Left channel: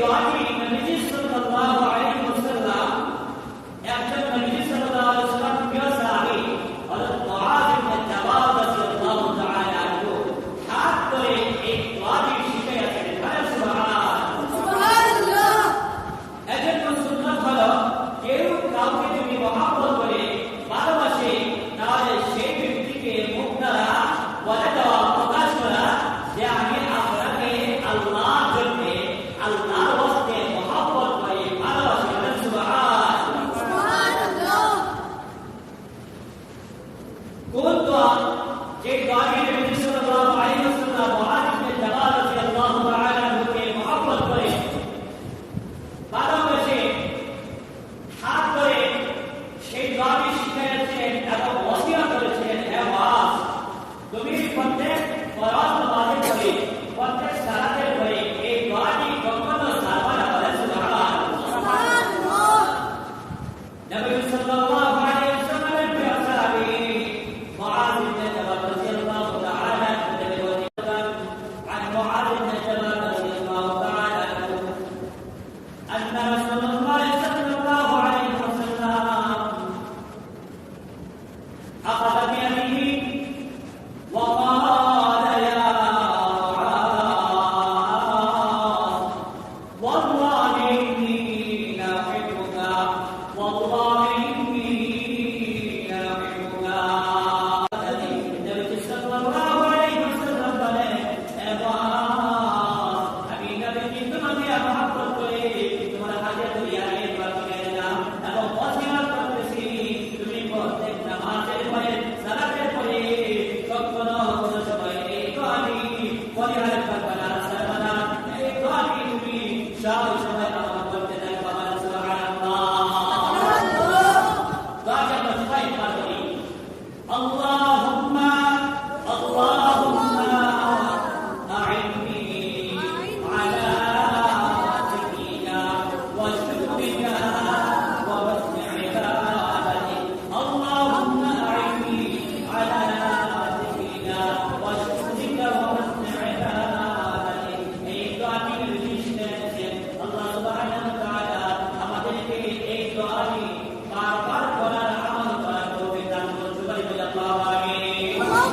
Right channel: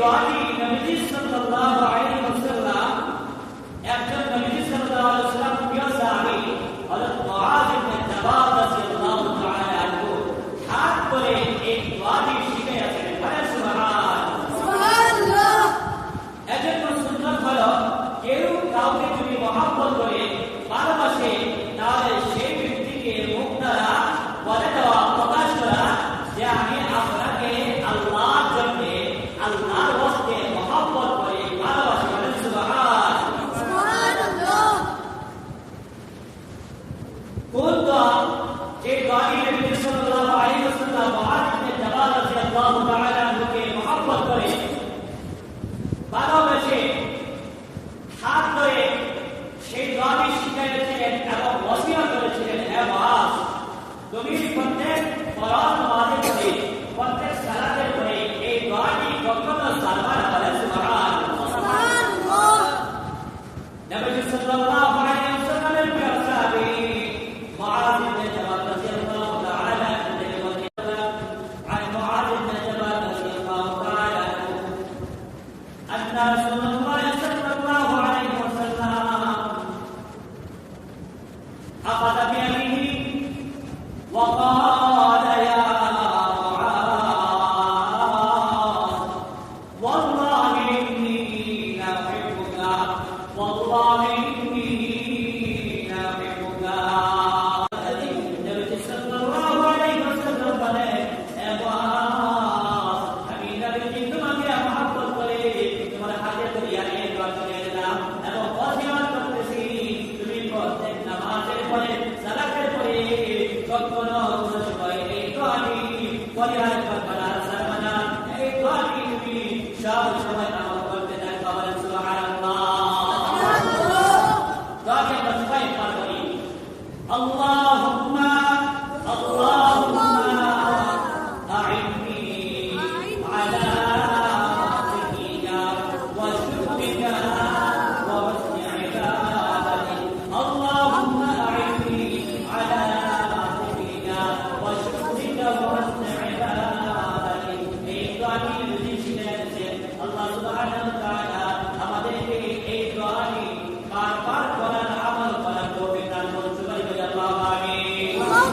دعاء النبي صلى الله عليه তুমি প্রত্যেক ফরজ নামাজের পরে প্রত্যেক সালাতের পরে এই দোয়াটি কখনো সারবা না বলেন সুবহানাল্লাহ নবী সাল্লাল্লাহু আলাইহি ওয়াসাল্লামের প্রিয় সাহাবী মুআয ইবনে জাবাল রাদিয়াল্লাহু তাআলা আনহু থেকে বর্ণিত عن معاذ بن جبل رضي الله تعالى عنه أن رسول الله صلى الله عليه وسلم أخذ بيده ربنا وتقبل شفاعتي قاتلي ولهذا